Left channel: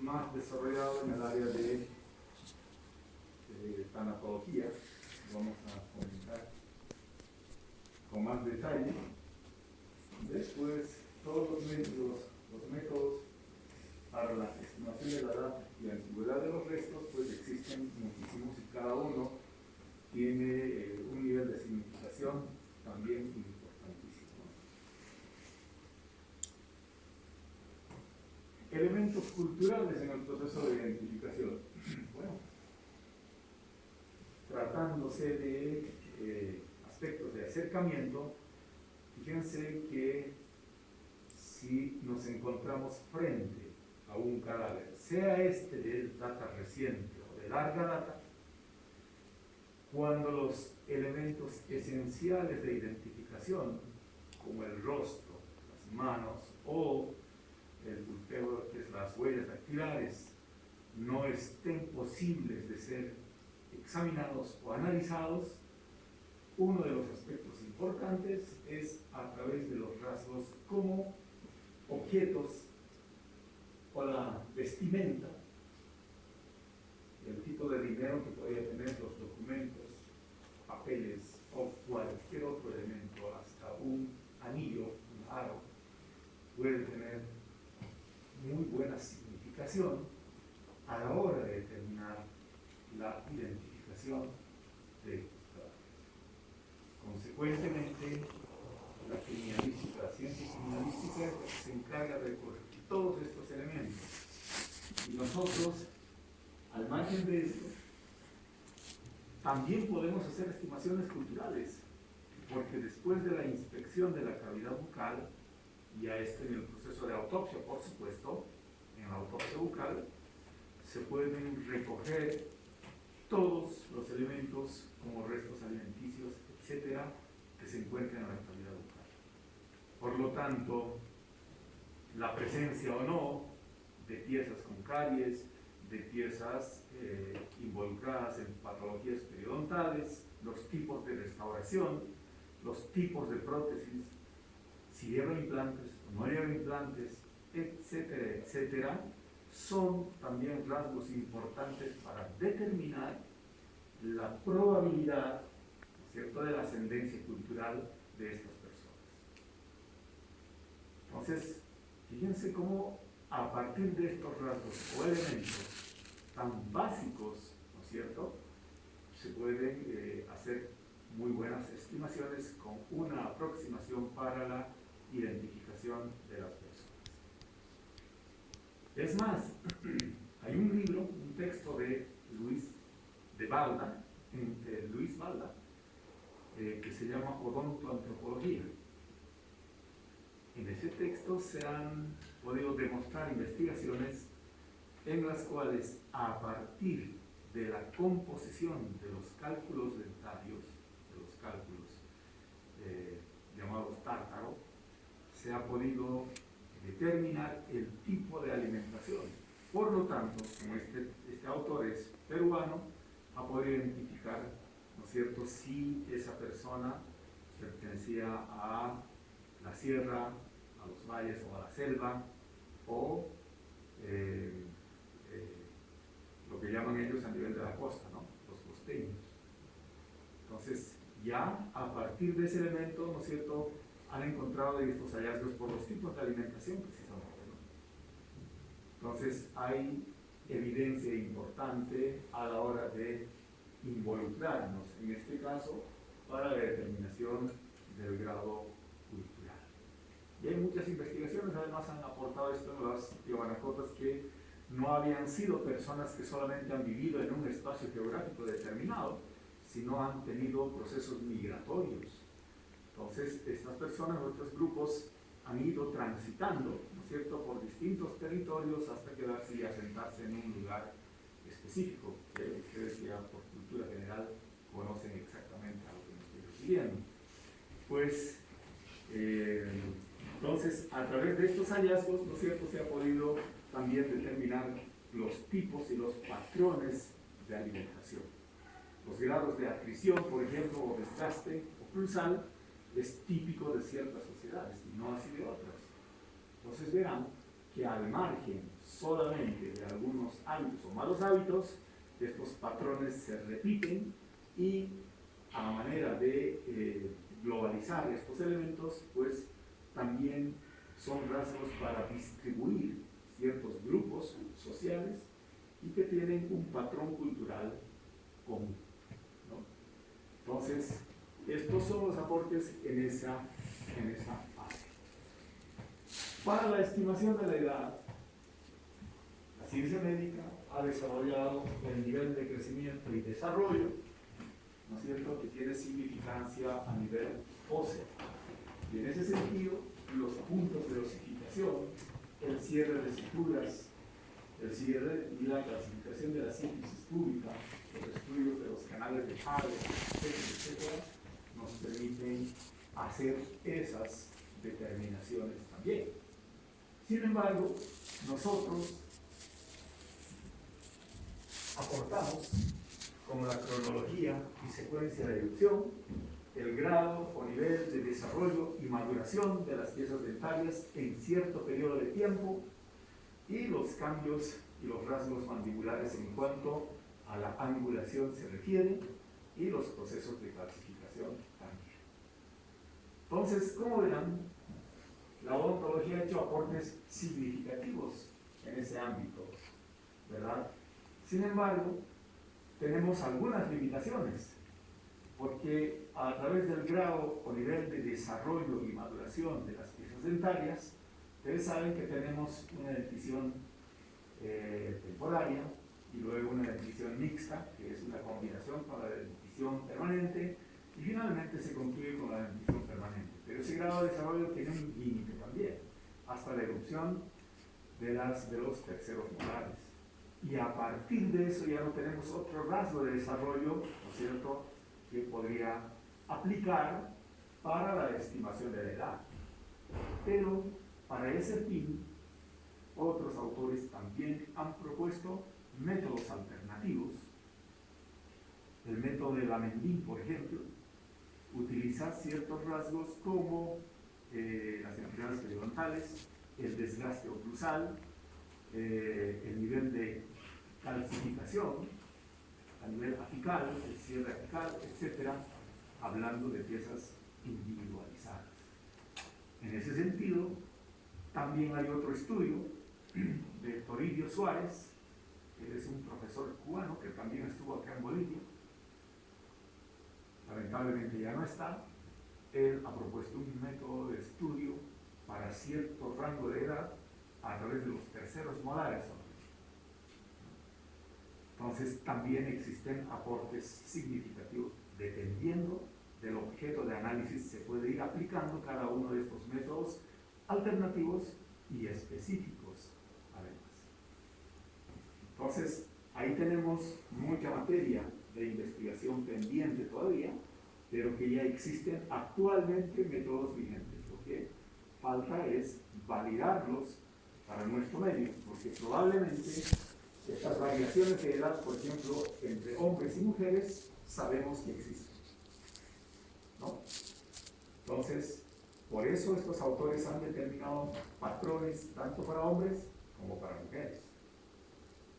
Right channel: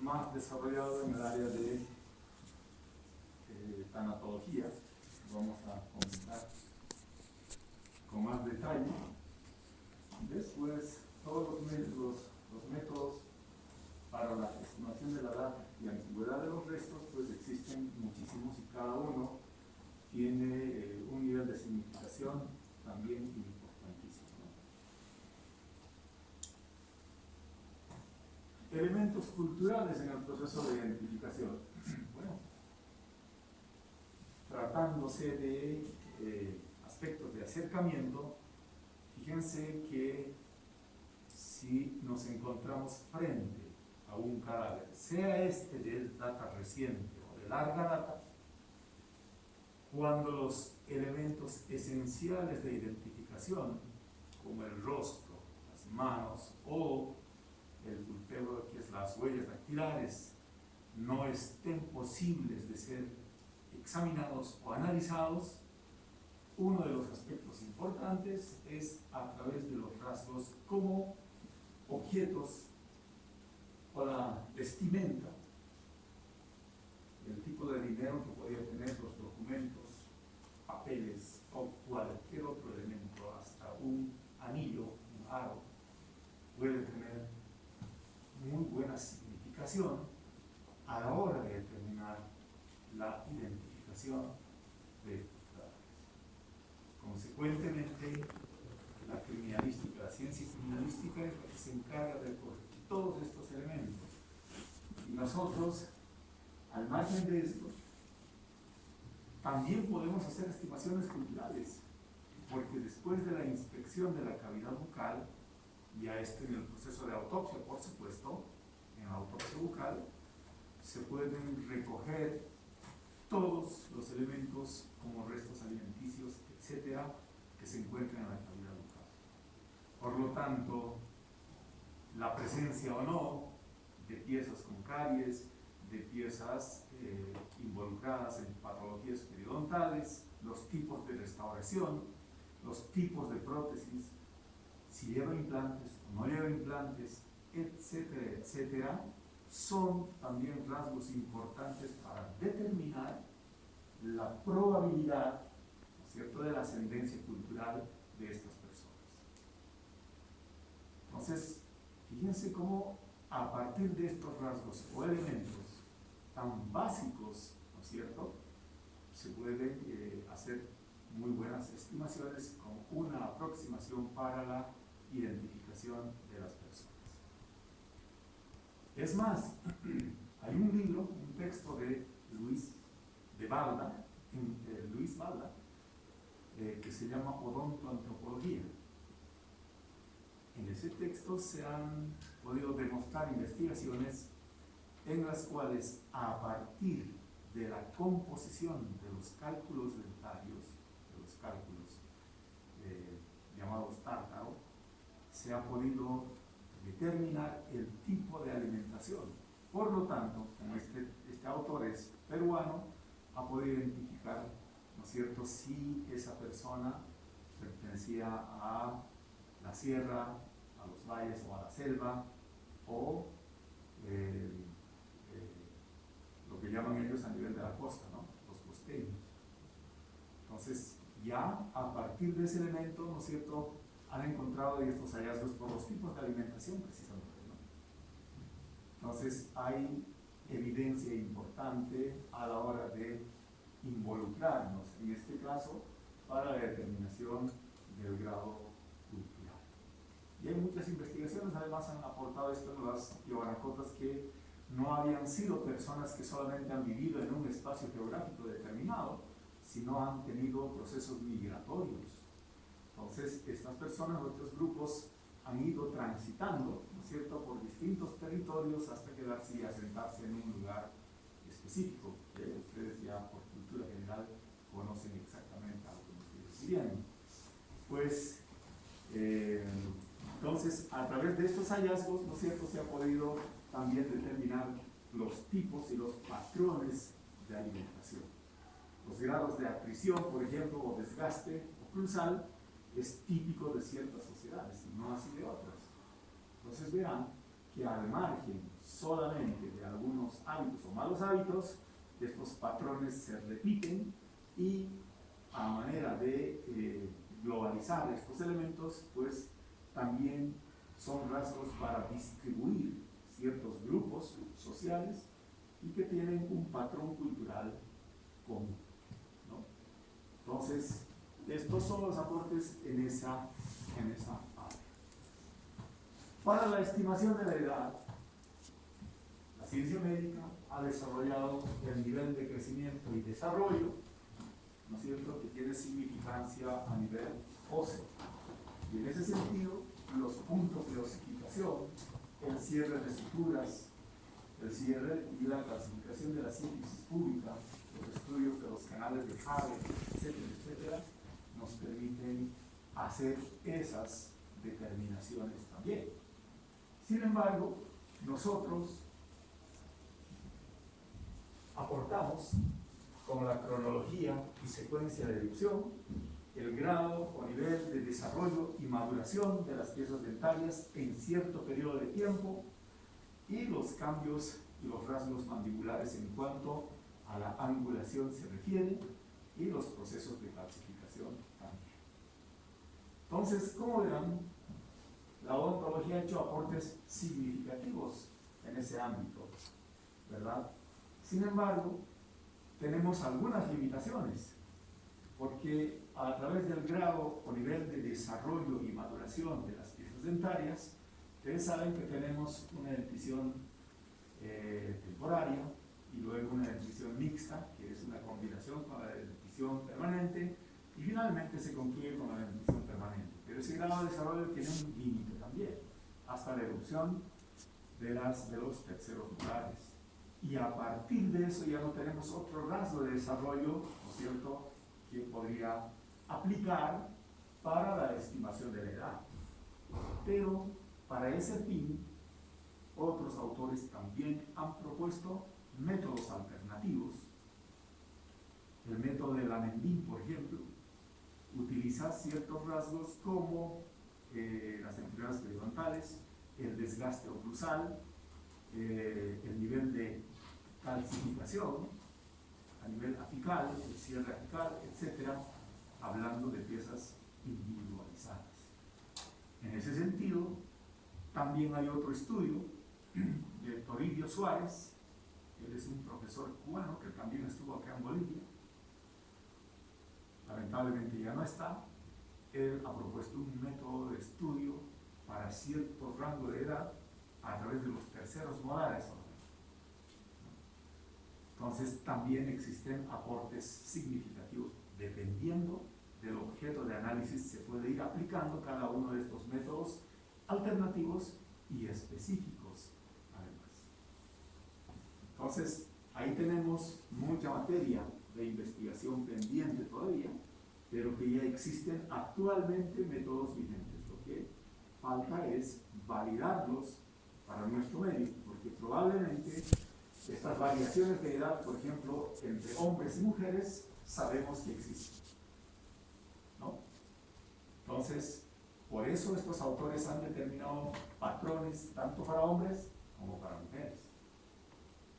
más desarrollado en el área de tanatología. Vamos a comentar con más detalle. Después, todos los métodos para la estimación de la edad y antigüedad de los restos, pues existen muchísimos y cada uno tiene un nivel de significación también importantísimo. Elementos culturales en el proceso de identificación. Bueno, tratándose de aspectos de acercamiento, fíjense que si nos encontramos frente a un cadáver, sea este de data reciente o de larga data, cuando los elementos esenciales de identificación, como el rostro, las manos o el pulpeo, que es las huellas dactilares, no estén posibles de ser examinados o analizados, uno de los aspectos importantes es a través de los rasgos como objetos o la vestimenta, el tipo de dinero que podría tener, los documentos, papeles o cualquier otro elemento, hasta un anillo, un aro, puede tener muy buena significación a la hora de determinar la identificación de estos cadáveres. Consecuentemente, la criminalística, la ciencia criminalística se encarga de recoger todos estos elementos. Y nosotros, al margen de esto, también podemos hacer estimaciones culturales, porque después de la inspección de la cavidad bucal, ya esto en el proceso de autopsia, por supuesto, en la autopsia bucal, se pueden recoger todos los elementos como restos alimenticios, etcétera, que se encuentran en la cavidad bucal. Por lo tanto, la presencia o no de piezas con caries, de piezas involucradas en patologías periodontales, los tipos de restauración, los tipos de prótesis, si lleva implantes o no lleva implantes, etcétera, etcétera, son también rasgos importantes para determinar la probabilidad, ¿no es cierto?, de la ascendencia cultural de estas personas. Entonces, fíjense cómo a partir de estos rasgos o elementos tan básicos, ¿no es cierto?, se pueden hacer muy buenas estimaciones con una aproximación para la identificación de las personas. Es más, hay un libro, un texto de Luis Balda, que se llama Odontoantropología. En ese texto se han podido demostrar investigaciones en las cuales, a partir de la composición de los cálculos dentarios, de los cálculos llamados tártaro, se ha podido determinar el tipo de alimentación. Por lo tanto, como este autor es peruano, ha podido identificar, ¿no es cierto?, si esa persona pertenecía a la sierra, a los valles o a la selva, o lo que llaman ellos a nivel de la costa, ¿no?, los costeños. Entonces, ya a partir de ese elemento, ¿no es cierto?, han encontrado estos hallazgos por los tipos de alimentación, precisamente, ¿no? Entonces, hay evidencia importante a la hora de involucrarnos, en este caso, para la determinación del grado cultural. Y hay muchas investigaciones, además han aportado esto en las Tiwanacotas, que no habían sido personas que solamente han vivido en un espacio geográfico determinado, sino han tenido procesos migratorios. Entonces, estas personas, otros grupos, han ido transitando, ¿no es cierto?, por distintos territorios hasta quedarse y asentarse en un lugar específico, que ustedes ya por cultura general conocen exactamente a lo que me estoy refiriendo. Pues, entonces, a través de estos hallazgos, ¿no es cierto?, se ha podido también determinar los tipos y los patrones de alimentación. Los grados de atrición, por ejemplo, o desgaste o cruzal, es típico de ciertas sociedades y no así de otras. Entonces verán que que al margen solamente de algunos hábitos o malos hábitos, estos patrones se repiten y a manera de globalizar estos elementos, pues también son rasgos para distribuir ciertos grupos sociales y que tienen un patrón cultural común, ¿no? Entonces, estos son los aportes en esa fase. Para la estimación de la edad, la ciencia médica ha desarrollado el nivel de crecimiento y desarrollo, ¿no es cierto?, que tiene significancia a nivel óseo. Y en ese sentido, los puntos de osificación, el cierre de suturas, el cierre y la clasificación de la síntesis pública, los estudios de los canales de Haller, etcétera, nos permiten hacer esas determinaciones también. Sin embargo, nosotros aportamos con la cronología y secuencia de erupción el grado o nivel de desarrollo y maduración de las piezas dentarias en cierto periodo de tiempo y los cambios y los rasgos mandibulares en cuanto a la angulación se refiere y los procesos de calcificación también. Entonces, como verán, la odontología ha hecho aportes significativos en ese ámbito, ¿verdad? Sin embargo, tenemos algunas limitaciones, porque a través del grado o nivel de desarrollo y maduración de las piezas dentarias, ustedes saben que tenemos una dentición temporaria y luego una dentición mixta, que es una combinación con la dentición permanente, y finalmente se concluye con la dentición permanente. Pero ese grado de desarrollo tiene un límite también, hasta la erupción de los terceros molares. Y a partir de eso ya no tenemos otro rasgo de desarrollo, ¿no es cierto?, que podría aplicar para la estimación de la edad. Pero para ese fin, otros autores también han propuesto métodos alternativos. El método de Lamendin, por ejemplo, utiliza ciertos rasgos como las enfermedades periodontales, el desgaste oclusal, el nivel de calcificación a nivel apical, el cierre apical, etc., hablando de piezas individualizadas. En ese sentido, también hay otro estudio de Toribio Suárez. Él es un profesor cubano que también estuvo acá en Bolivia. Lamentablemente ya no está. Él ha propuesto un método de estudio para cierto rango de edad a través de los terceros molares. Entonces también existen aportes significativos. Dependiendo del objeto de análisis se puede ir aplicando cada uno de estos métodos alternativos y específicos además. Entonces ahí tenemos mucha materia de investigación pendiente todavía, pero que ya existen actualmente métodos vigentes. Lo que falta es validarlos para nuestro medio, porque probablemente estas variaciones de edad, por ejemplo, entre hombres y mujeres, sabemos que existen, ¿no? Entonces, por eso estos autores han determinado patrones tanto para hombres como para mujeres.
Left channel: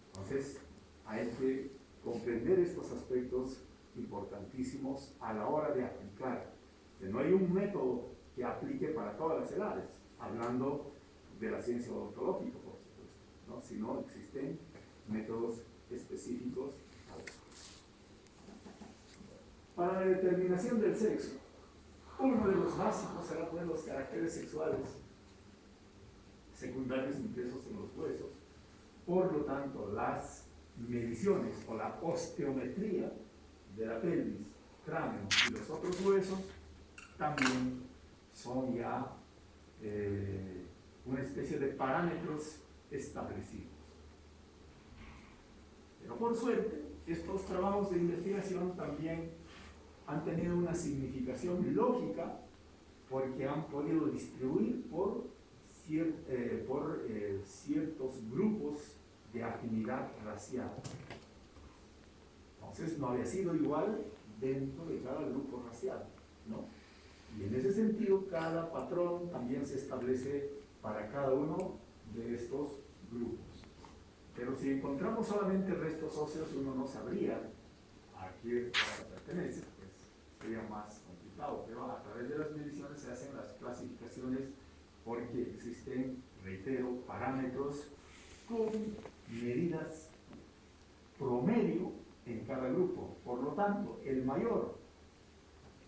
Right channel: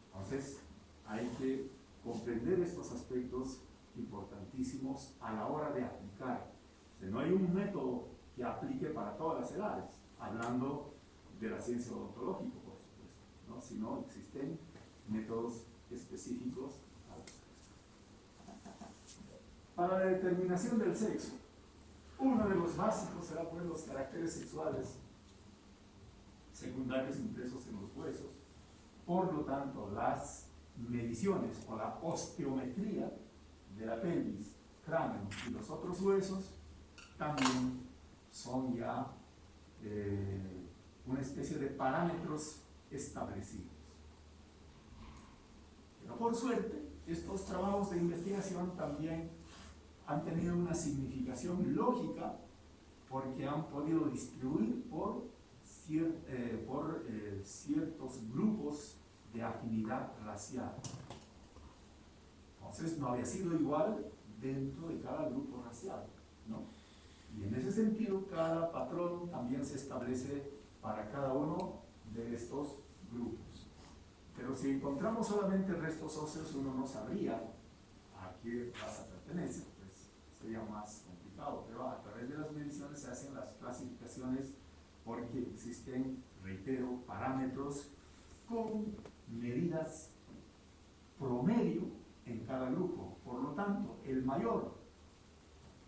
Entonces, hay que comprender estos aspectos importantísimos a la hora de aplicar. O sea, no hay un método que aplique para todas las edades, hablando de la ciencia odontológica, por supuesto, ¿no? Sino existen métodos específicos. Para la determinación del sexo, uno de los básicos será pues los caracteres sexuales secundarios impresos en los huesos. Por lo tanto, las mediciones o la osteometría de la pelvis, cráneo y los otros huesos también son ya una especie de parámetros establecidos. Pero por suerte, estos trabajos de investigación también han tenido una significación lógica porque han podido distribuir por ciertos grupos de afinidad racial. Entonces no había sido igual dentro de cada grupo racial, ¿no? Y en ese sentido, cada patrón también se establece para cada uno de estos encontramos solamente restos óseos, uno no sabría a qué raza pertenece, pues sería más complicado, pero a través de las mediciones se hacen las clasificaciones porque existen, reitero, parámetros con medidas promedio en cada grupo. Por lo tanto, el mayor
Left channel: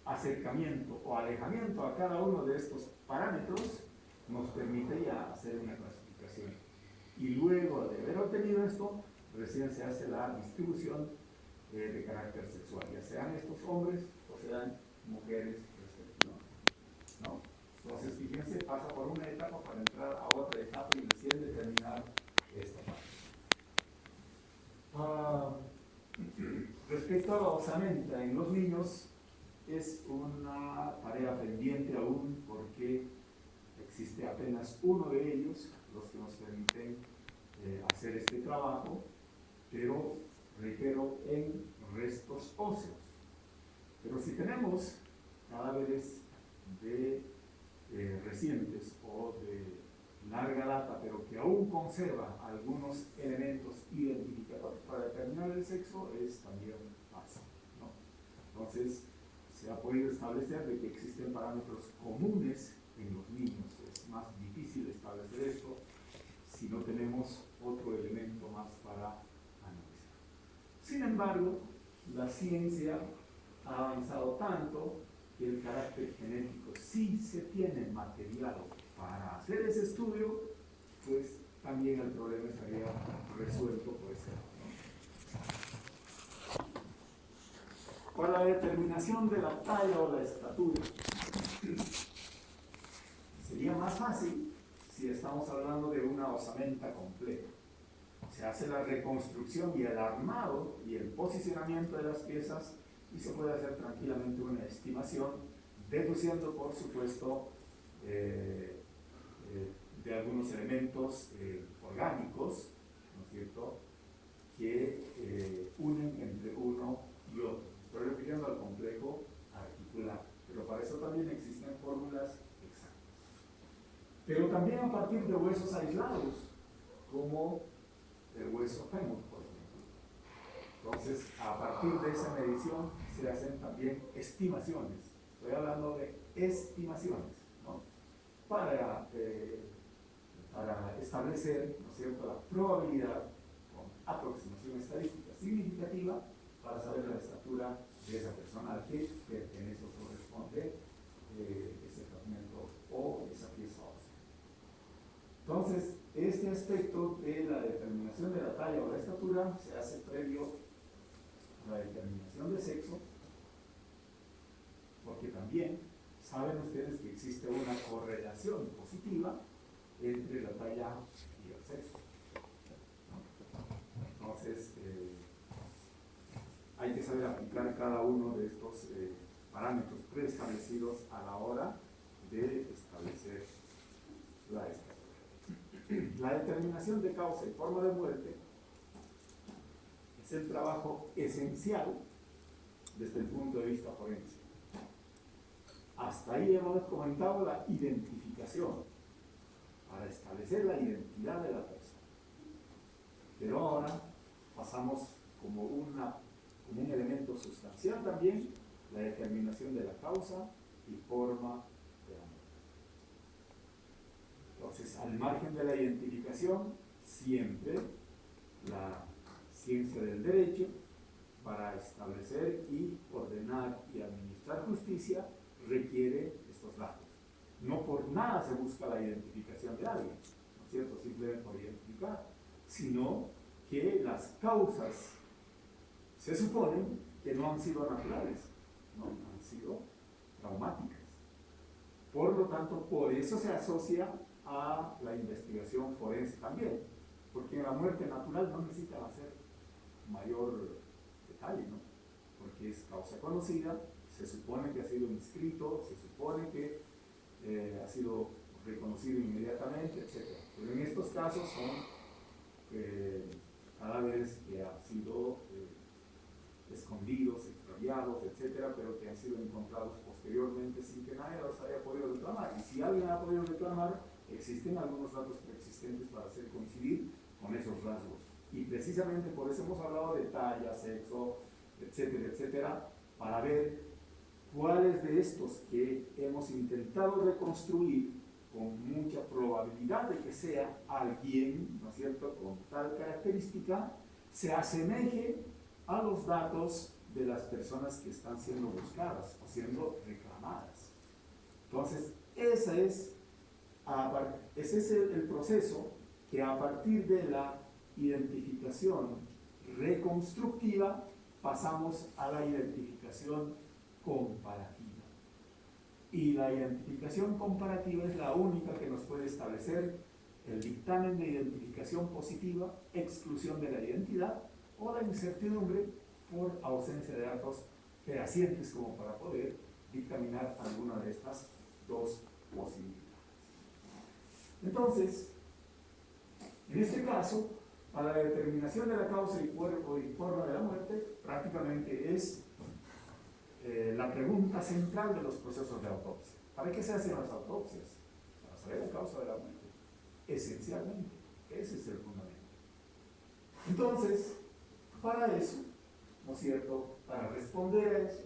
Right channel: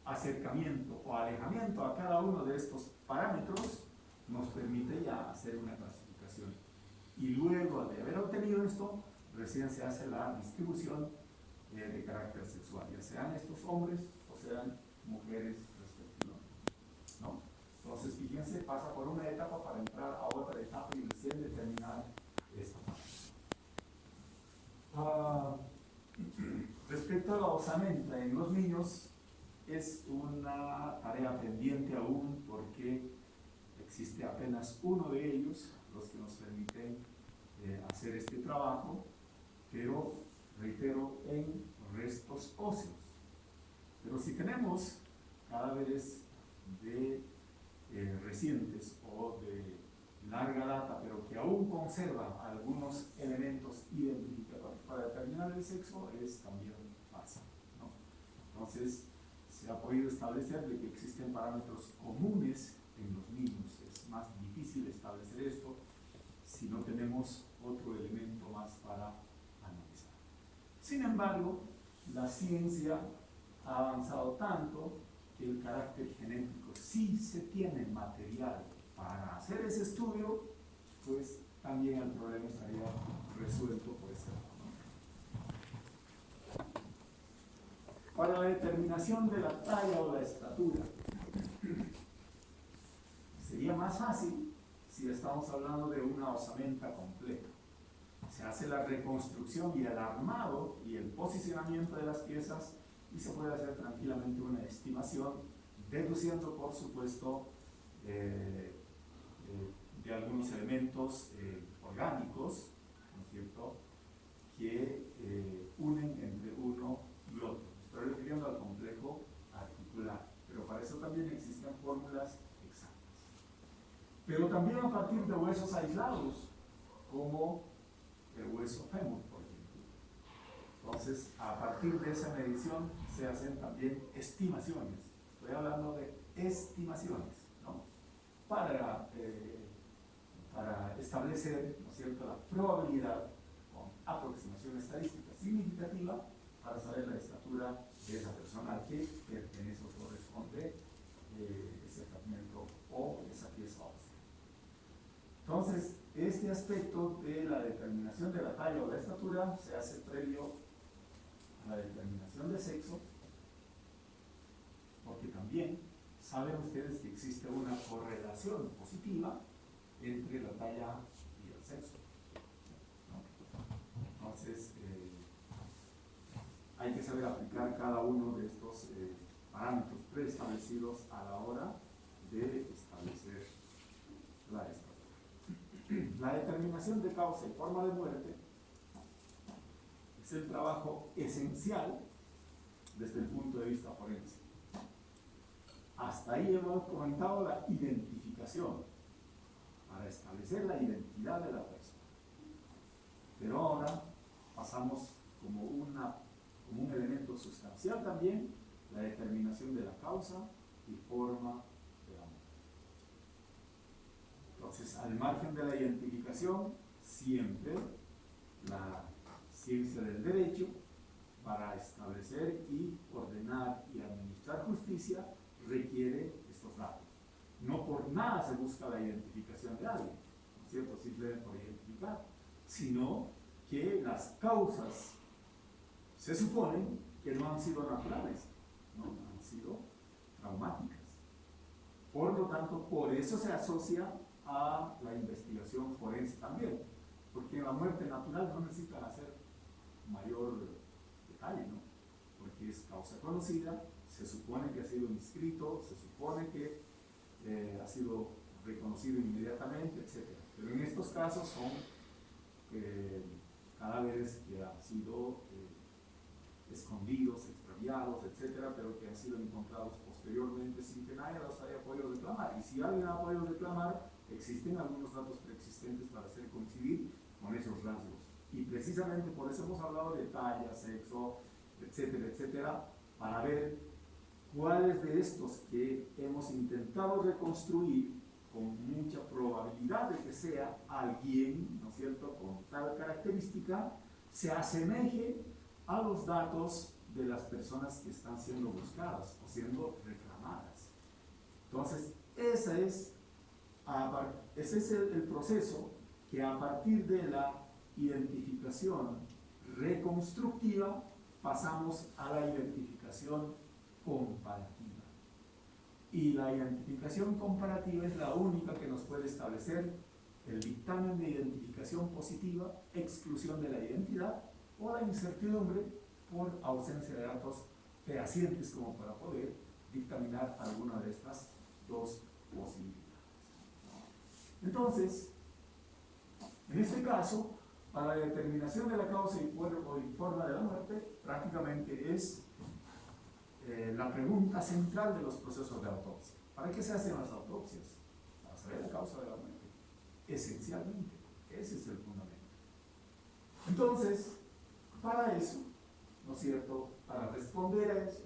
acercamiento o alejamiento a cada uno de estos parámetros nos permite ya hacer una clasificación. Y luego de haber obtenido esto, recién se hace la distribución de carácter sexual, ya sean estos hombres o sean mujeres respectivamente, ¿no? Entonces, fíjense, pasa por una etapa para entrar a otra etapa y recién determinar esta parte. Respecto a la osamenta en los niños, es una tarea pendiente aún porque existe apenas uno de ellos, los que nos permiten hacer este trabajo, pero, reitero, en restos óseos. Pero si tenemos cadáveres de recientes o de larga data, pero que aún conserva algunos elementos identificadores para determinar el sexo, es también fácil, ¿no? Entonces, se ha podido establecer de que existen parámetros comunes en los niños. Es más difícil establecer esto si no tenemos otro elemento más para analizar. Sin embargo, la ciencia ha avanzado tanto que el carácter genético, si se tiene material para hacer ese estudio, pues también el problema estaría resuelto por ese lado. Para la determinación de la talla o la estatura, sería más fácil si estamos hablando de una osamenta completa. Se hace la reconstrucción y el armado y el posicionamiento de las piezas y se puede hacer tranquilamente una estimación, deduciendo, por supuesto, de algunos elementos orgánicos, ¿no es cierto?, que unen entre uno y otro. Estoy refiriendo al complejo articular, pero para eso también existen fórmulas exactas. Pero también a partir de huesos aislados, como el hueso fémur, por ejemplo. Entonces, a partir de esa medición se hacen también estimaciones. Estoy hablando de estimaciones, ¿no? Para establecer, ¿no es cierto?, la probabilidad con aproximación estadística significativa para saber la estatura de esa persona al que pertenece o corresponde ese fragmento o esa pieza ósea. Entonces, este aspecto de la determinación de la talla o la estatura se hace previo a la determinación de sexo, porque también saben ustedes que existe una correlación positiva entre la talla y el sexo, ¿no? Entonces, hay que saber aplicar cada uno de estos parámetros preestablecidos a la hora de establecer la estatura. La determinación de causa y forma de muerte es el trabajo esencial desde el punto de vista forense. Hasta ahí hemos comentado la identificación, para establecer la identidad de la persona. Pero ahora pasamos como un elemento sustancial también la determinación de la causa y forma de la muerte. Entonces, al margen de la identificación, siempre la ciencia del derecho, para establecer y ordenar y administrar justicia, requiere estos datos. No por nada se busca la identificación de alguien, ¿no es cierto?, simplemente por identificar, sino que las causas se suponen que no han sido naturales, ¿no? Han sido traumáticas. Por lo tanto, por eso se asocia a la investigación forense también, porque en la muerte natural no necesitan hacer mayor detalle, ¿no? Porque es causa conocida, se supone que ha sido inscrito, se supone que ha sido reconocido inmediatamente, etc. Pero en estos casos son cadáveres que han sido escondidos, extraviados, etc., pero que han sido encontrados posteriormente sin que nadie los haya podido reclamar. Y si alguien ha podido reclamar, existen algunos datos preexistentes para hacer coincidir con esos rasgos. Y precisamente por eso hemos hablado de talla, sexo, etcétera, etcétera, para ver cuáles de estos que hemos intentado reconstruir con mucha probabilidad de que sea alguien, ¿no es cierto?, con tal característica, se asemeje a los datos de las personas que están siendo buscadas o siendo reclamadas. Entonces, ese es el proceso que a partir de la identificación reconstructiva pasamos a la identificación comparativa. Y la identificación comparativa es la única que nos puede establecer el dictamen de identificación positiva, exclusión de la identidad o la incertidumbre por ausencia de datos fehacientes como para poder dictaminar alguna de estas dos posibilidades. Entonces, en este caso, para la determinación de la causa y cuerpo y forma de la muerte, prácticamente es la pregunta central de los procesos de autopsia. ¿Para qué se hacen las autopsias? Para saber la causa de la muerte. Esencialmente, ese es el fundamento. Entonces, para eso, ¿no es cierto?, para responder a eso,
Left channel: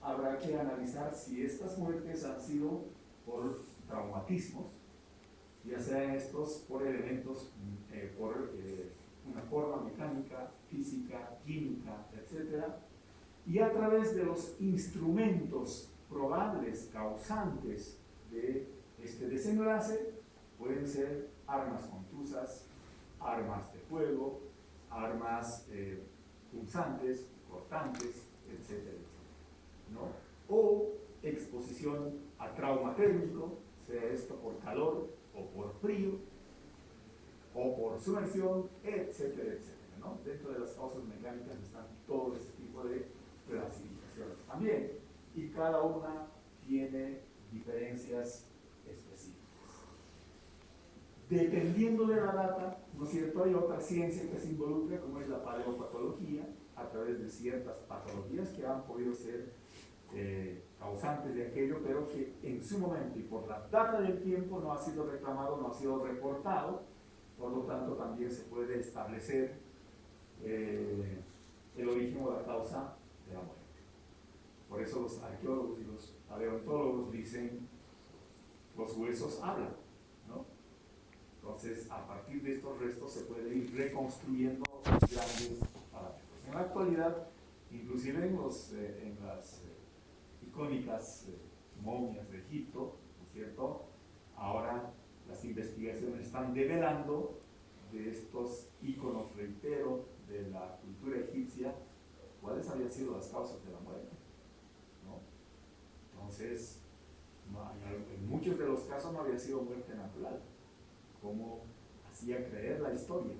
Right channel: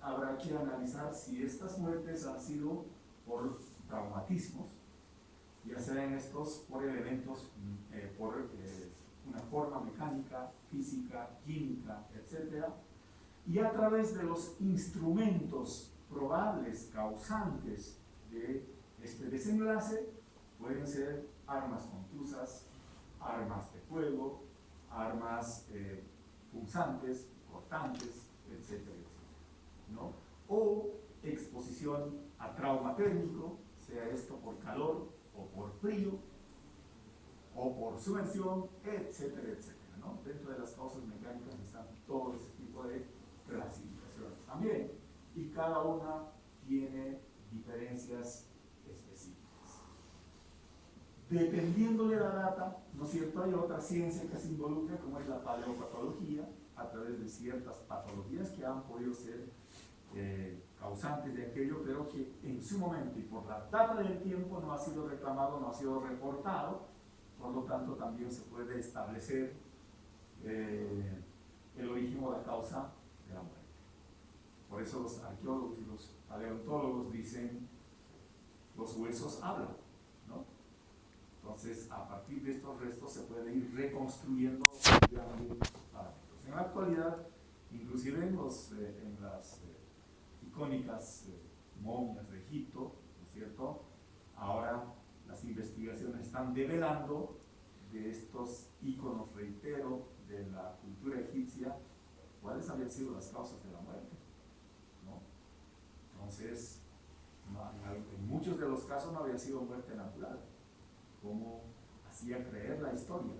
habrá que analizar si estas muertes han sido por traumatismos, ya sean estos por elementos, por una forma mecánica, física, química, etc. Y a través de los instrumentos probables causantes de este desenlace, pueden ser armas contusas, armas de fuego, armas punzantes, cortantes, etcétera, ¿no? O exposición a trauma térmico, sea esto por calor o por frío, o por sumersión, etcétera, etcétera, ¿no? Dentro de las causas mecánicas están todo ese tipo de clasificaciones también, y cada una tiene diferencias específicas. Dependiendo de la data, ¿no es cierto?, hay otra ciencia que se involucra, como es la paleopatología, a través de ciertas patologías que han podido ser causantes de aquello, pero que en su momento y por la data del tiempo no ha sido reclamado, no ha sido reportado, por lo tanto también se puede establecer el origen o la causa de la muerte. Por eso los arqueólogos y los paleontólogos dicen, los huesos hablan, ¿no? Entonces, a partir de estos restos se puede ir reconstruyendo grandes parámetros. En la actualidad, inclusive en las icónicas momias de Egipto, ¿no es cierto?, ahora las investigaciones están develando de estos íconos, reitero, de la cultura egipcia, cuáles habían sido las causas de la muerte, ¿no? Entonces, en muchos de los casos no había sido muerte natural, como hacía creer la historia,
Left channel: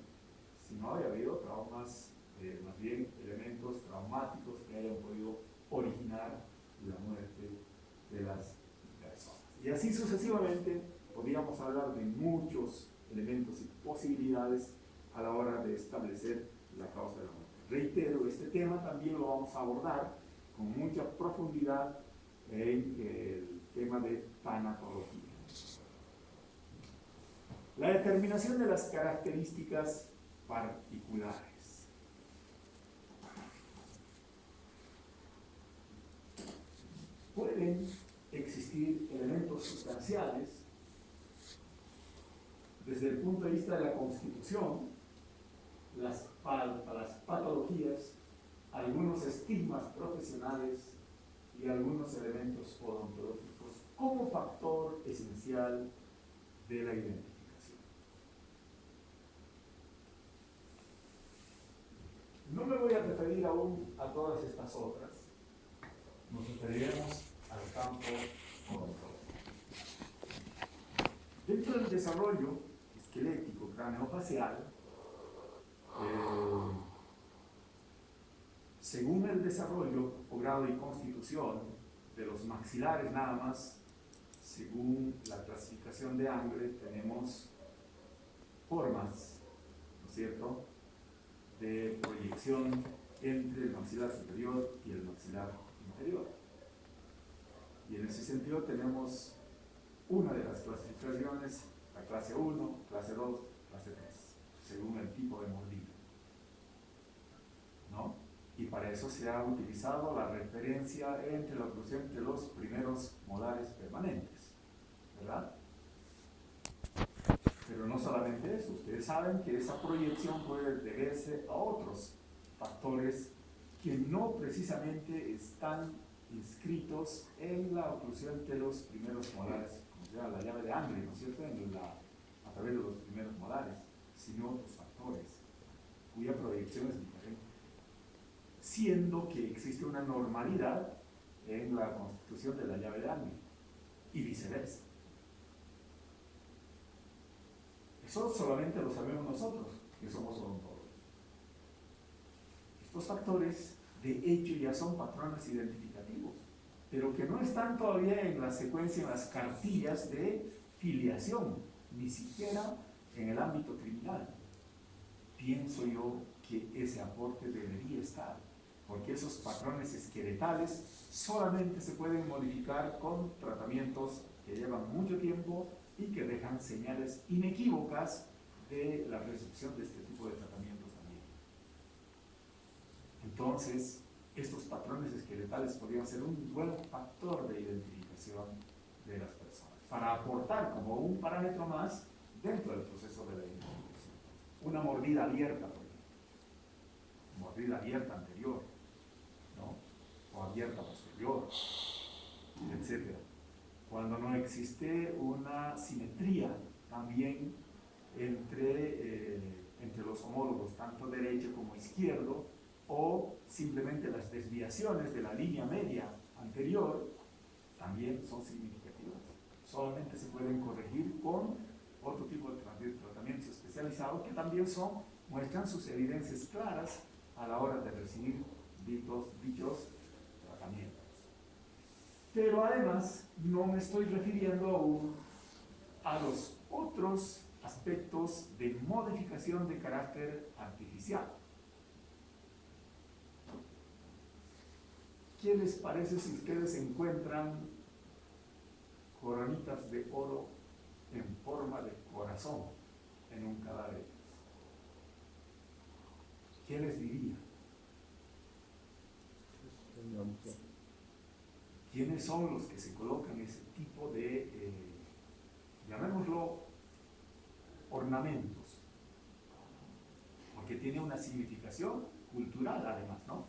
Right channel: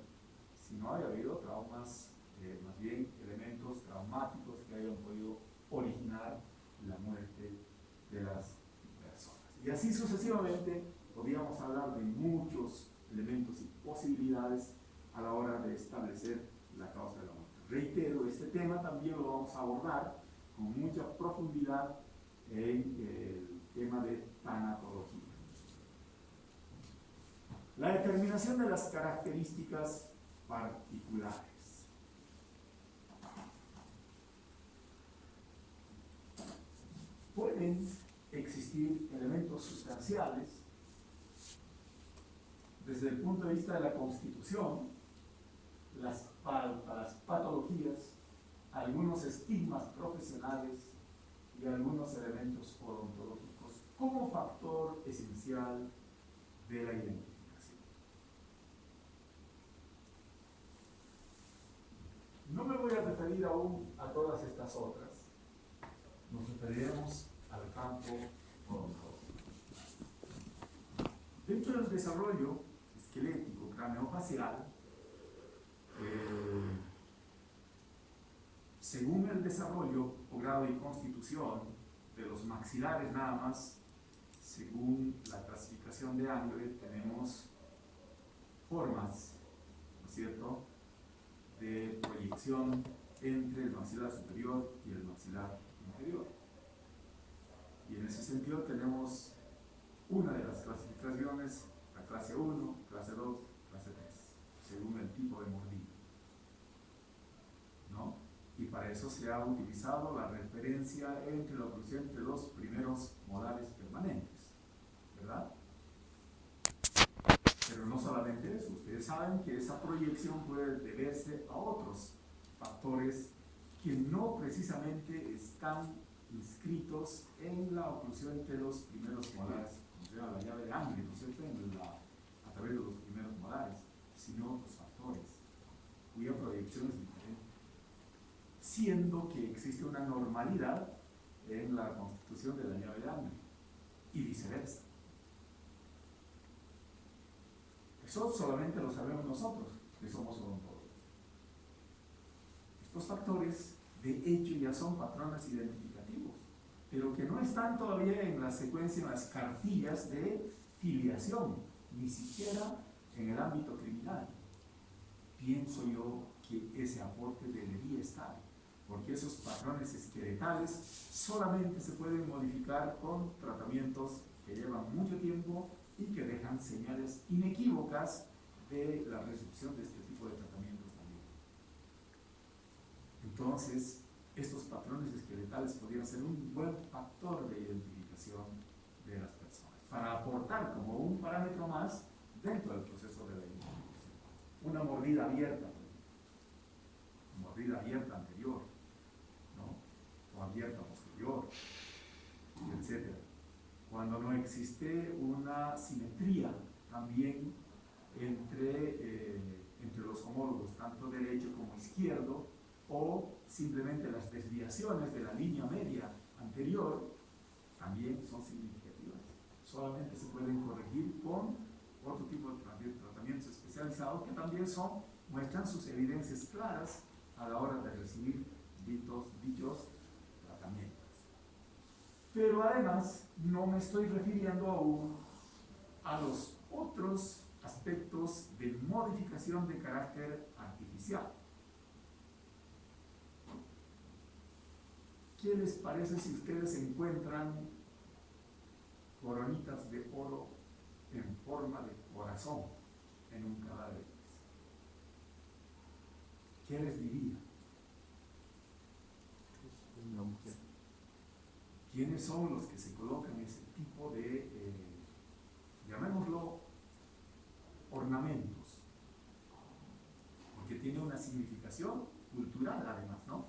sino había habido traumas, más bien elementos traumáticos que hayan podido originar la muerte de las personas. Y así sucesivamente podríamos hablar de muchos elementos y posibilidades a la hora de establecer la causa de la muerte. Reitero, este tema también lo vamos a abordar con mucha profundidad en el tema de tanatología. La determinación de las características particulares. Pueden existir elementos sustanciales desde el punto de vista de la constitución, las patologías, algunos estigmas profesionales y algunos elementos odontológicos como factor esencial de la identificación. No me voy a referir aún a todas estas otras, nos referiremos al campo odontológico. Dentro del desarrollo esquelético craneofacial, según el desarrollo o grado y constitución de los maxilares nada más, según la clasificación de Angle, tenemos formas, ¿no es cierto?, de proyección entre el maxilar superior y el maxilar inferior. Y en ese sentido tenemos una de las clasificaciones, la clase 1, clase 2, clase 3, según el tipo de mordida. eso se ha utilizado la referencia entre la oclusión entre los primeros molares permanentes, ¿verdad? Pero no solamente eso, ustedes saben que esa proyección puede deberse a otros factores que no precisamente están inscritos en la oclusión entre los primeros molares, como se llama la llave de Angle, ¿no es cierto?, a través de los primeros molares, sino otros factores cuya proyección es diferente, siendo que existe una normalidad en la constitución de la llave de Angle y viceversa. Eso solamente lo sabemos nosotros, que somos odontólogos. Estos factores, de hecho, ya son patrones identificativos, pero que no están todavía en la secuencia, en las cartillas de filiación, ni siquiera en el ámbito criminal. Pienso yo que ese aporte debería estar, porque esos patrones esqueletales solamente se pueden modificar con tratamientos que llevan mucho tiempo y que dejan señales inequívocas de la recepción de este tipo de tratamientos también. Entonces, estos patrones esqueletales podrían ser un buen factor de identificación de las personas, para aportar como un parámetro más dentro del proceso de la identificación. Una mordida abierta, por ejemplo, mordida abierta anterior, ¿no?, o abierta posterior, etc. Cuando no existe una simetría también entre los homólogos, tanto derecho como izquierdo, o simplemente las desviaciones de la línea media anterior, también son significativas. Solamente se pueden corregir con otro tipo de tratamientos especializados que también muestran sus evidencias claras a la hora de recibir dichos tratamientos. Pero además no me estoy refiriendo aún a los otros aspectos de modificación de carácter artificial. ¿Qué les parece si ustedes encuentran coronitas de oro en forma de corazón en un cadáver? ¿Qué les diría? ¿Quiénes son los que se colocan ese tipo de, llamémoslo, ornamentos? Porque tiene una significación cultural además, ¿no?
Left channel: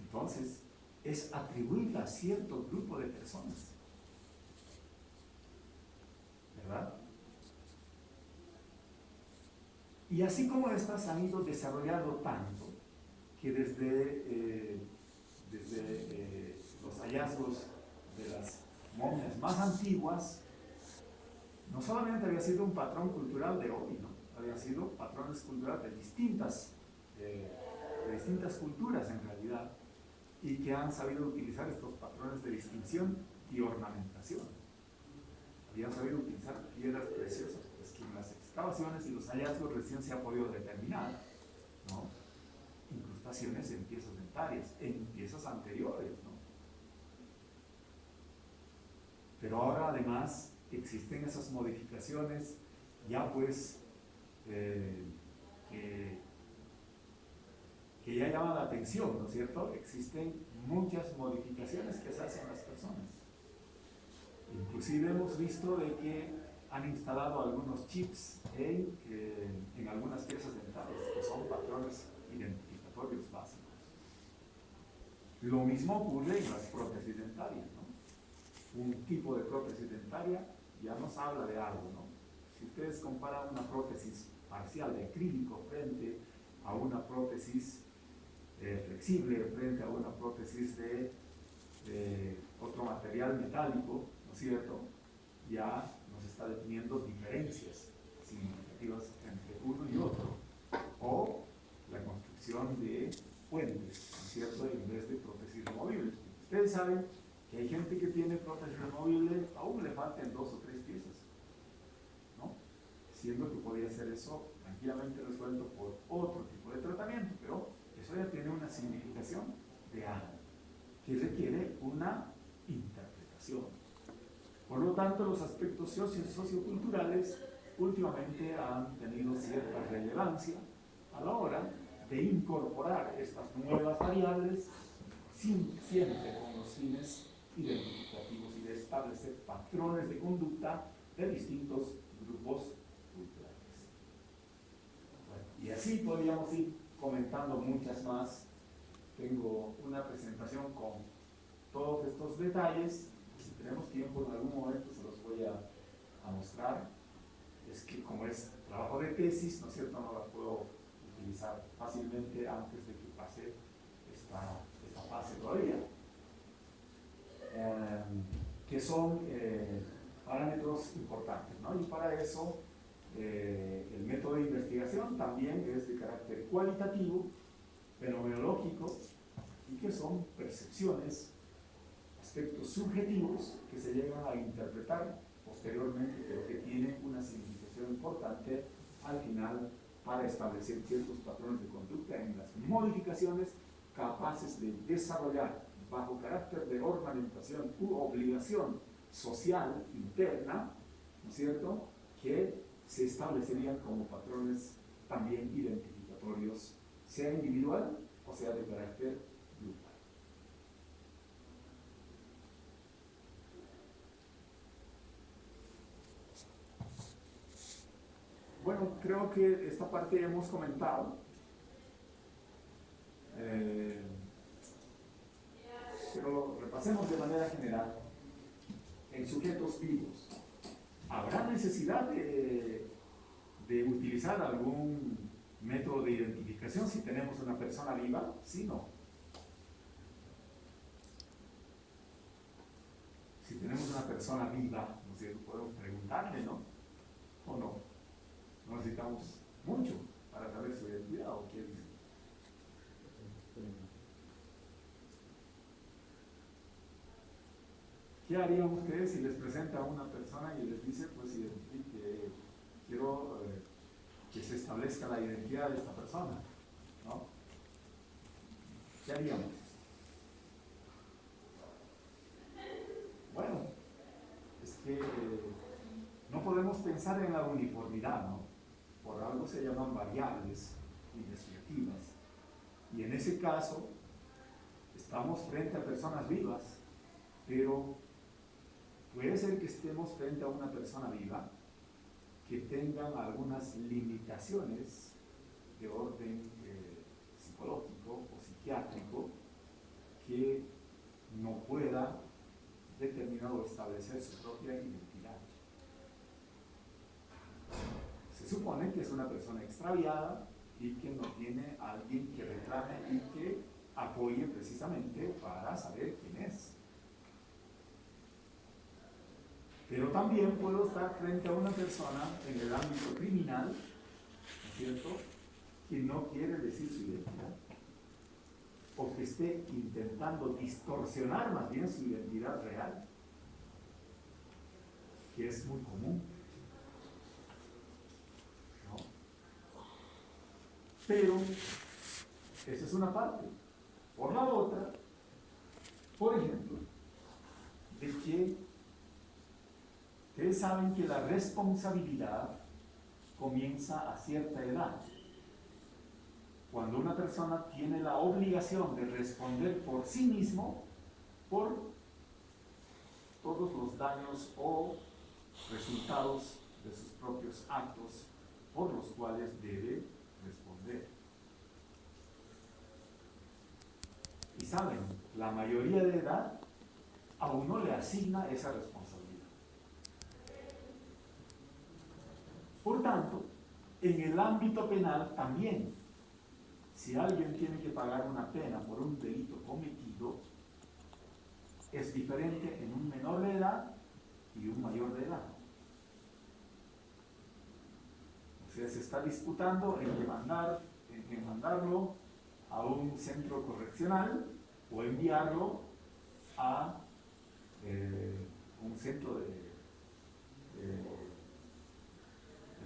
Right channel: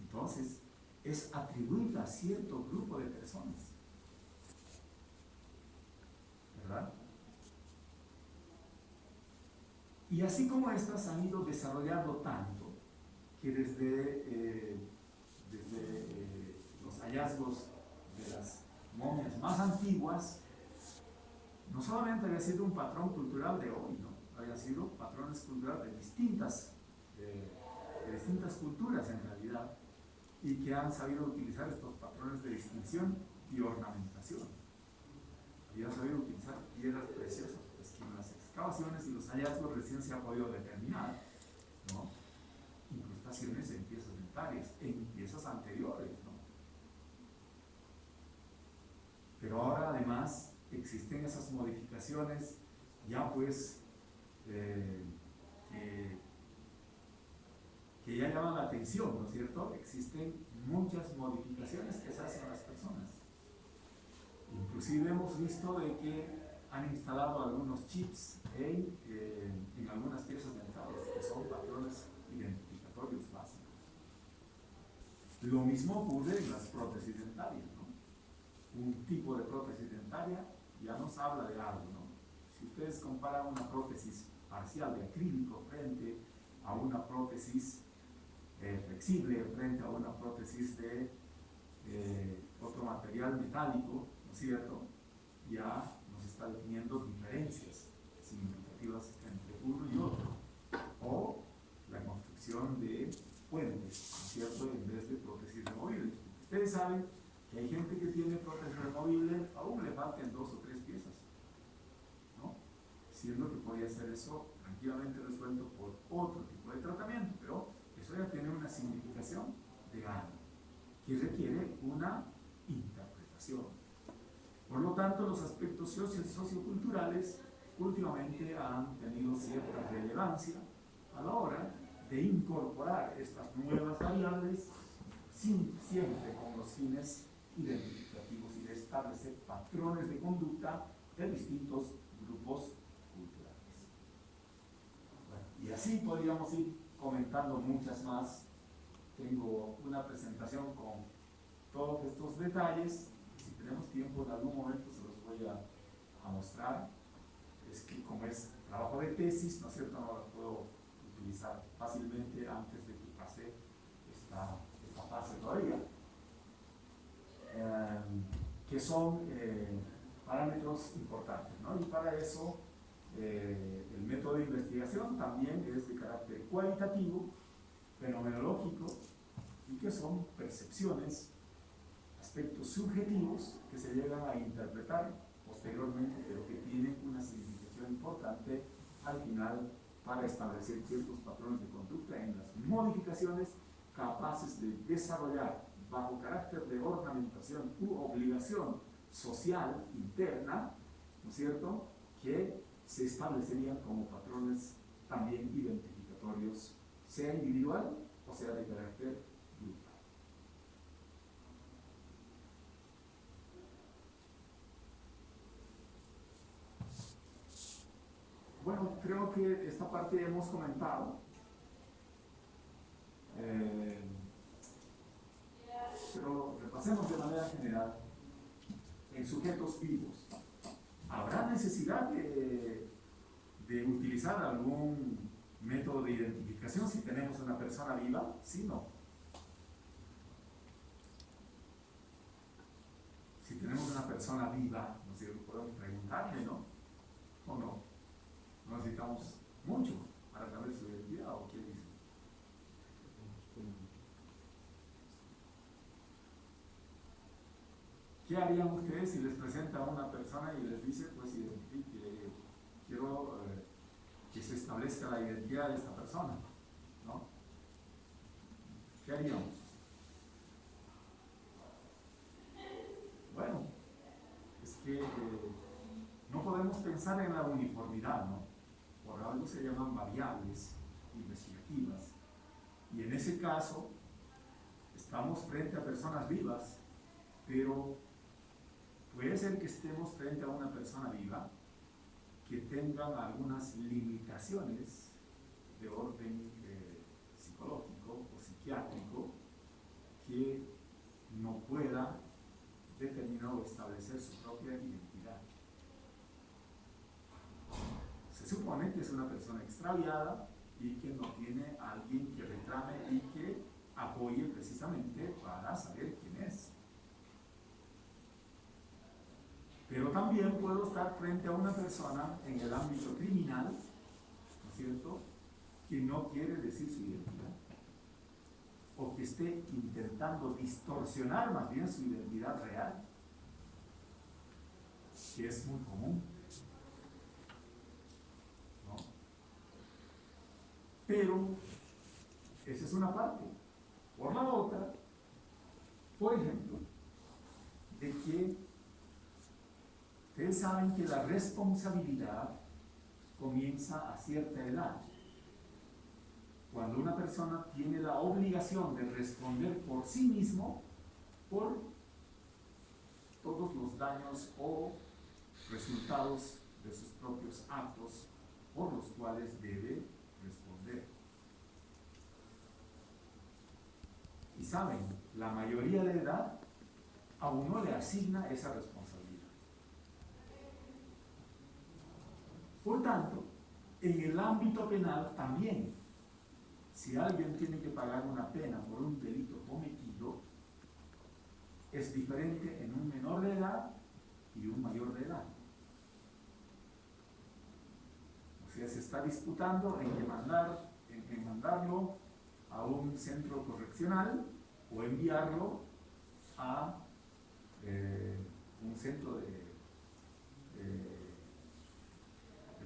Entonces, es atribuirla a cierto grupo de personas, ¿verdad? Y así como estas han ido desarrollando tanto que desde los hallazgos de las momias más antiguas, no solamente había sido un patrón cultural de hoy, ¿no?, había sido patrones culturales de distintas culturas en realidad, y que han sabido utilizar estos patrones de distinción y ornamentación. Habían sabido utilizar piedras preciosas, pues que en las excavaciones y los hallazgos recién se ha podido determinar, ¿no?, incrustaciones en piezas dentarias, en piezas anteriores, ¿no? Pero ahora además existen esas modificaciones ya pues que ya llaman la atención, ¿no es cierto? Existen muchas modificaciones que se hacen a las personas. Inclusive hemos visto de que han instalado algunos chips en algunas piezas dentales, que son patrones identificatorios básicos. Lo mismo ocurre en las prótesis dentarias, ¿no? Un tipo de prótesis dentaria ya nos habla de algo, ¿no? Si ustedes comparan una prótesis parcial de acrílico frente a una prótesis flexible, frente a una prótesis de otro material metálico, ¿no es cierto?, ya nos está definiendo diferencias significativas entre uno y otro. O la construcción de puentes, ¿no es cierto?, en vez de prótesis removibles. Ustedes saben que hay gente que tiene prótesis removible, aún le faltan 2 o 3 piezas, ¿no?, siendo que podría ser eso tranquilamente resuelto por otro tipo de tratamiento, pero eso ya tiene una significación de algo que requiere una interpretación. Por lo tanto, los aspectos socioculturales últimamente han tenido cierta relevancia a la hora de incorporar estas nuevas variables siempre con los fines identificativos y de establecer patrones de conducta de distintos grupos culturales. Bueno, y así podríamos ir comentando muchas más. Tengo una presentación con todos estos detalles. Si tenemos tiempo en algún momento se los voy a mostrar. Es que como es trabajo de tesis, ¿no es cierto?, no la puedo utilizar fácilmente antes de que pase esta fase todavía. Que son parámetros importantes, ¿no? Y para eso el método de investigación también es de carácter cualitativo, fenomenológico, y que son percepciones, aspectos subjetivos que se llegan a interpretar posteriormente, pero que tienen una significación importante al final para establecer ciertos patrones de conducta en las modificaciones capaces de desarrollar bajo carácter de ornamentación u obligación social interna, ¿no es cierto?, que se establecerían como patrones también identificatorios, sea individual o sea de carácter grupal. Bueno, creo que esta parte hemos comentado, pero repasemos de manera general. En sujetos vivos, ¿habrá necesidad de utilizar algún método de identificación si tenemos una persona viva? ¿Sí o no? Si tenemos una persona viva, ¿no es cierto?, podemos preguntarle, ¿no? ¿O no? No necesitamos mucho para saber su identidad, ¿o qué dice? ¿Qué harían ustedes si les presenta a una persona y les dice, pues, quiero que se establezca la identidad de esta persona, ¿no? ¿Qué haríamos? Bueno, es que no podemos pensar en la uniformidad, ¿no? Por algo se llaman variables investigativas. Y en ese caso, estamos frente a personas vivas, pero puede ser que estemos frente a una persona viva que tengan algunas limitaciones de orden psicológico o psiquiátrico que no pueda determinar o establecer su propia identidad. Se supone que es una persona extraviada y que no tiene a alguien que reclame y que apoye precisamente para saber quién es. Pero también puedo estar frente a una persona en el ámbito criminal, ¿no es cierto?, que no quiere decir su identidad, o que esté intentando distorsionar más bien su identidad real, que es muy común, ¿no? Pero esa es una parte. Por la otra, por ejemplo, de que ustedes saben que la responsabilidad comienza a cierta edad. Cuando una persona tiene la obligación de responder por sí mismo por todos los daños o resultados de sus propios actos por los cuales debe responder. Y saben, la mayoría de edad aún no le asigna esa responsabilidad. Por tanto, en el ámbito penal también, si alguien tiene que pagar una pena por un delito cometido, es diferente en un menor de edad y un mayor de edad. O sea, se está disputando en mandarlo a un centro correccional o enviarlo a un centro de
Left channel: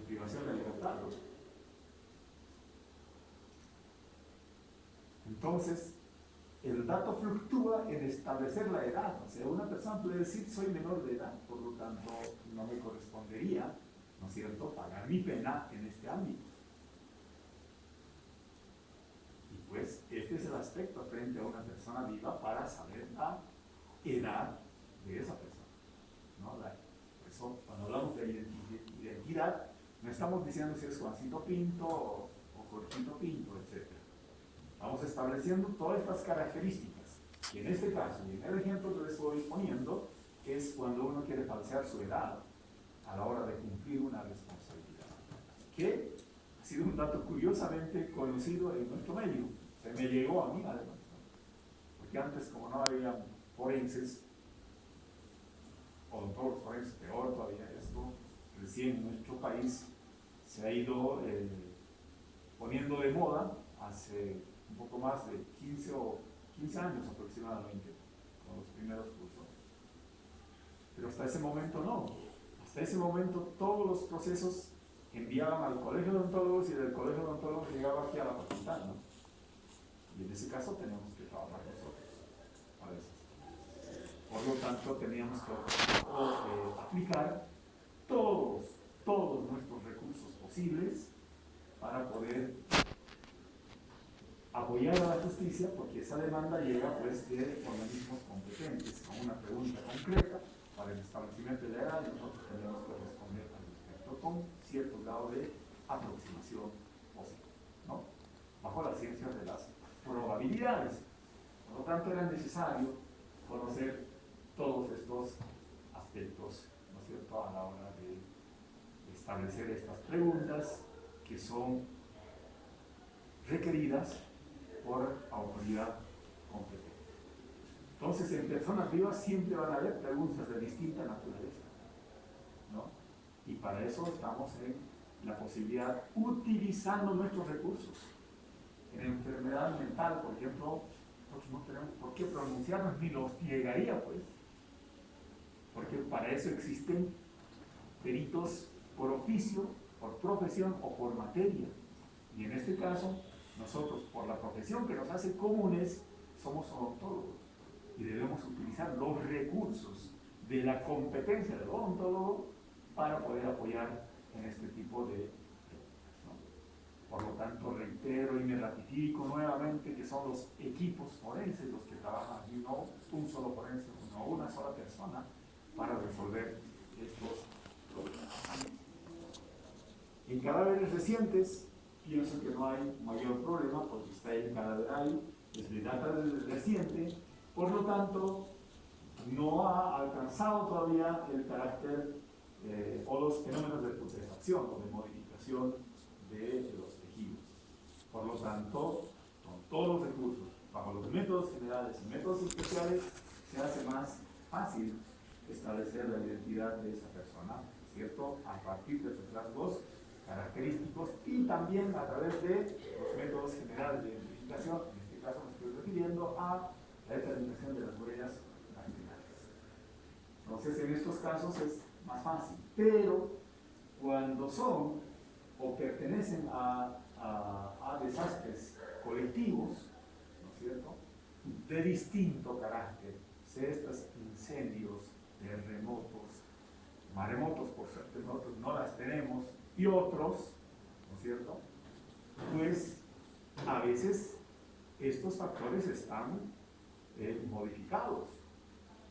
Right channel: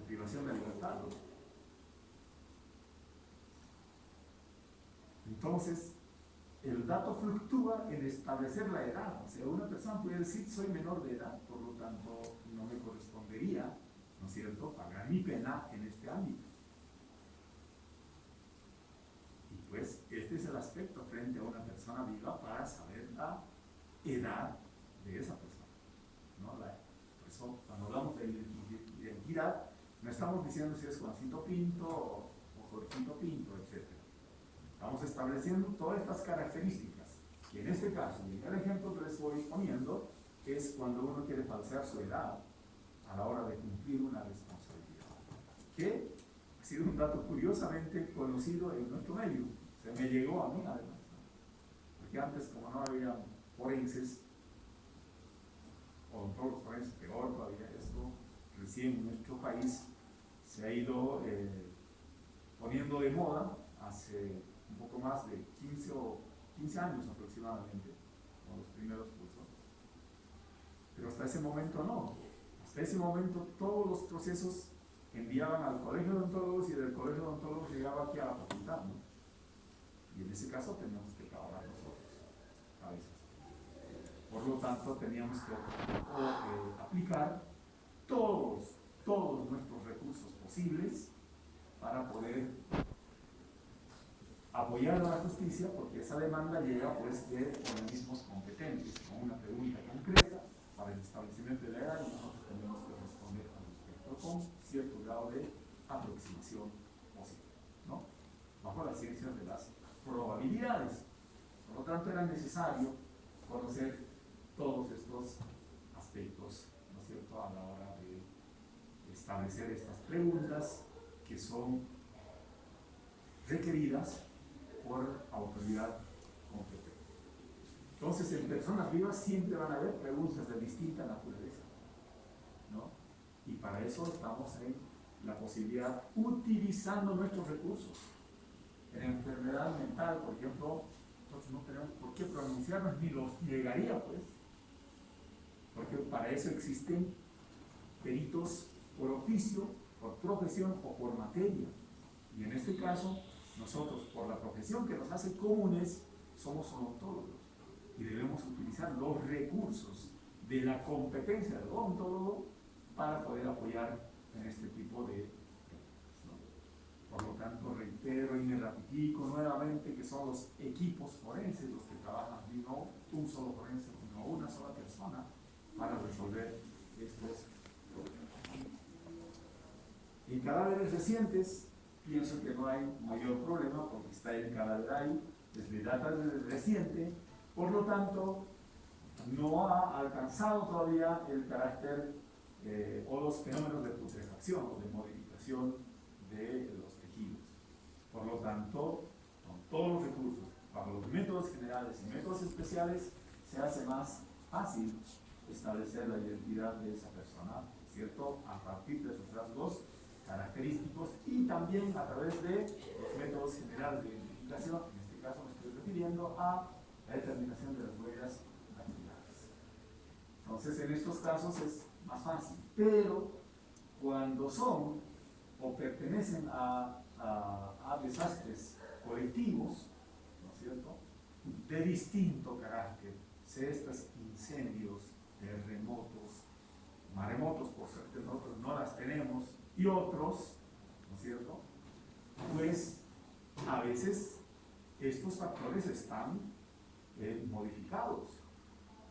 privación de libertad, ¿no? Entonces, el dato fluctúa en establecer la edad. O sea, una persona puede decir, soy menor de edad, por lo tanto, no me correspondería, ¿no es cierto?, pagar mi pena en este ámbito. perfecto frente a una persona viva para saber la edad de esa persona, ¿no? Por eso, cuando hablamos de identidad, no estamos diciendo si es Juancito Pinto o Jorgito Pinto, etc. Vamos estableciendo todas estas características. Y en este caso, y en el ejemplo que les estoy poniendo, es cuando uno quiere falsear su edad a la hora de cumplir una responsabilidad. Que ha sido un dato curiosamente conocido en nuestro medio. Se me llegó a mí además, ¿no? Porque antes, como no había forenses, odontólogos forenses, peor todavía esto, recién en nuestro país se ha ido poniendo de moda hace un poco más de 15 años aproximadamente, con los primeros cursos. Pero hasta ese momento no. Hasta ese momento todos los procesos enviaban al colegio de odontólogos y del colegio de odontólogos llegaba aquí a la facultad, ¿no? Y en ese caso tenemos que trabajar nosotros, a veces. Por lo tanto, teníamos que aplicar todos nuestros recursos posibles para poder apoyar a la justicia, porque esa demanda llega pues de organismos competentes con una pregunta concreta para el establecimiento de la edad, y nosotros tenemos que responder al respecto con cierto grado de aproximación posible, ¿no? Bajo la ciencia de las probabilidades. Por lo tanto, era necesario conocer todos estos aspectos, ¿no es cierto?, a la hora de establecer estas preguntas que son requeridas por autoridad competente. Entonces, en personas vivas siempre van a haber preguntas de distinta naturaleza, ¿no? Y para eso estamos en la posibilidad, utilizando nuestros recursos. En enfermedad mental, por ejemplo, nosotros no tenemos por qué pronunciarnos, ni los llegaría, pues, porque para eso existen peritos por oficio, por profesión o por materia. Y en este caso, nosotros, por la profesión que nos hace comunes, somos odontólogos y debemos utilizar los recursos de la competencia del odontólogo para poder apoyar en este tipo de preguntas, ¿no? Por lo tanto, reitero y me ratifico nuevamente que son los equipos forenses los que trabajan, y no un solo forense, no una sola persona, para resolver estos problemas. En cadáveres recientes, pienso que no hay mayor problema porque está el cadáver ahí, desde data reciente, por lo tanto, no ha alcanzado todavía el carácter o los fenómenos de putrefacción o de modificación de los tejidos. Por lo tanto, con todos los recursos, bajo los métodos generales y métodos especiales, se hace más fácil establecer la identidad de esa persona, ¿cierto?, a partir de sus rasgos característicos y también a través de los métodos generales de identificación. En este caso me estoy refiriendo a la determinación de las huellas dactilares. Entonces, en estos casos es más fácil, pero cuando son o pertenecen a desastres colectivos, ¿no es cierto?, de distinto carácter, sea estos incendios, terremotos, maremotos, por suerte nosotros no las tenemos, y otros, ¿no es cierto?, pues a veces estos factores están modificados.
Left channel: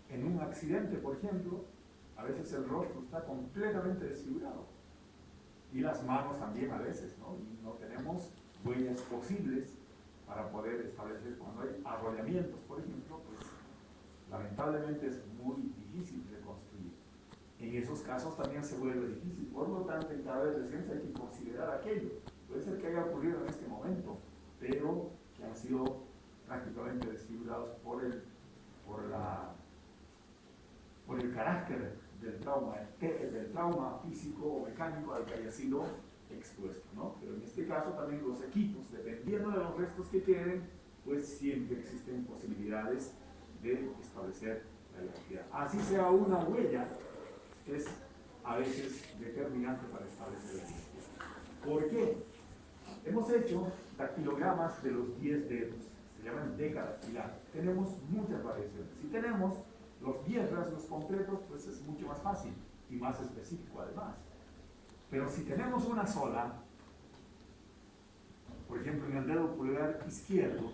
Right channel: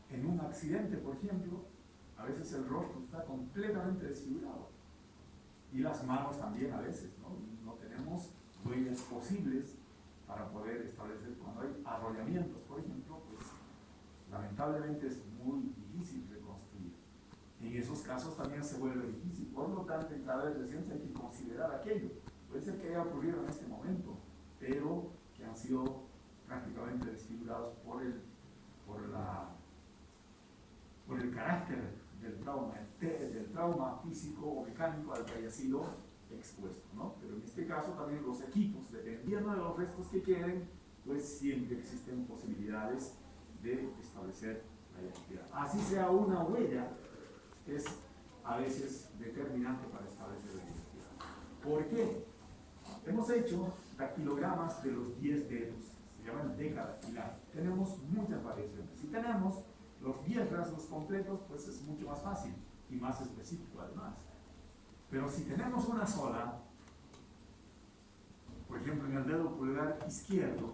En un accidente, por ejemplo, a veces el rostro está completamente desfigurado y las manos también a veces, ¿no? Y no tenemos huellas posibles para poder establecer. Cuando hay arrollamientos, por ejemplo, pues lamentablemente es muy difícil reconstruir. En esos casos también se vuelve difícil, por lo tanto, en cada vez reciente hay que considerar aquello. Puede ser que haya ocurrido en este momento, pero que han sido prácticamente desfigurados por el carácter del trauma físico o mecánico al que haya sido expuesto, ¿no? Pero en este caso también los equipos, dependiendo de los restos que queden, pues siempre existen posibilidades de establecer la identidad. Así sea una huella, es a veces determinante para establecer la identidad. ¿Por qué? Hemos hecho dactilogramas de los 10 dedos, se llaman decadactilar. Tenemos muchas variaciones. Si tenemos los 10 rasgos completos, pues es mucho más fácil y más específico además. Pero si tenemos una sola, por ejemplo en el dedo pulgar izquierdo,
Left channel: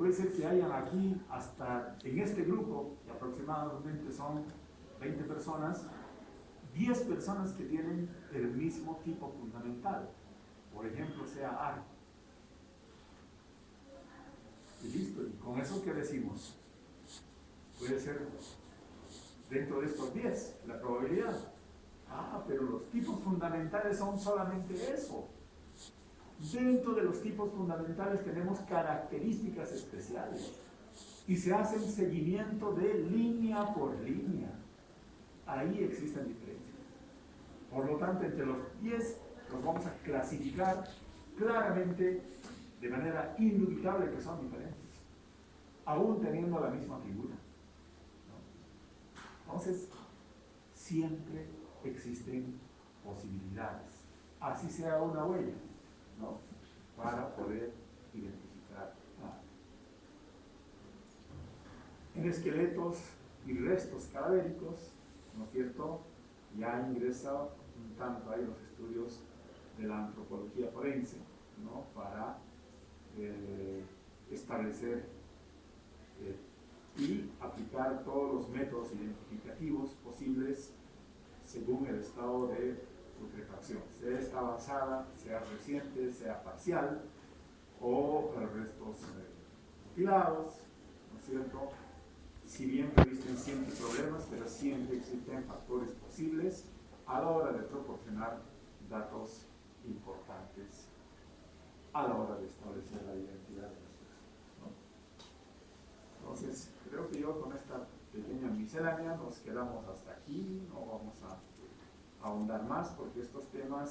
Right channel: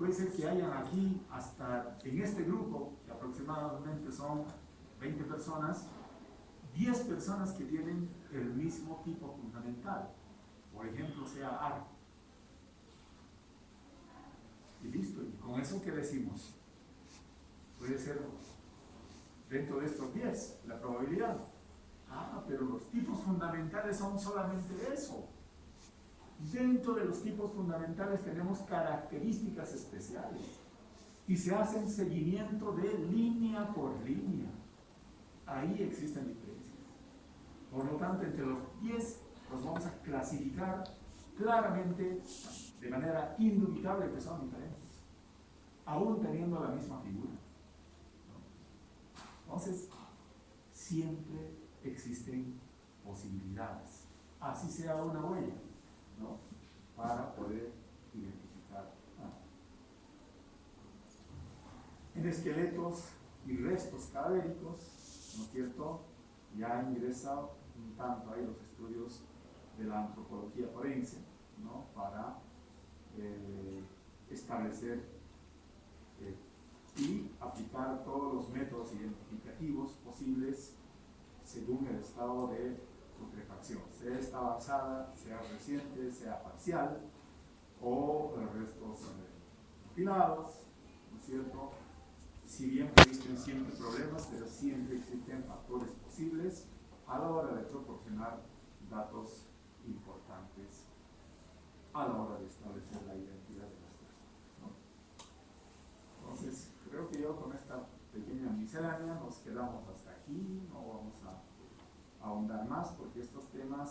puede ser que hayan aquí, hasta en este grupo, que aproximadamente son 20 personas, 10 personas que tienen el mismo tipo fundamental. Por ejemplo, sea arco. Y listo. ¿Y con eso qué decimos? Puede ser dentro de estos 10 la probabilidad. Ah, pero los tipos fundamentales son solamente eso. Dentro de los tipos fundamentales tenemos características especiales y se hacen seguimiento de línea por línea. Ahí existen diferencias. Por lo tanto, entre los 10 los vamos a clasificar claramente de manera indubitable que son diferentes, aún teniendo la misma figura, ¿no? Entonces, siempre existen posibilidades, así sea una huella, ¿no? Para poder identificar. En esqueletos y restos cadavéricos, ¿no es cierto?, ya han ingresado un tanto ahí los estudios de la antropología forense, ¿no?, para establecer y aplicar todos los métodos identificativos posibles según el estado de putrefacción, sea esta avanzada, sea reciente, sea parcial, o restos mutilados, ¿no es cierto? Si bien existen siempre problemas, pero siempre existen factores posibles a la hora de proporcionar datos importantes a la hora de establecer la identidad de los sujetos, ¿no? Entonces, creo que yo con esta pequeña miscelánea nos quedamos hasta aquí, no vamos a ahondar más porque estos temas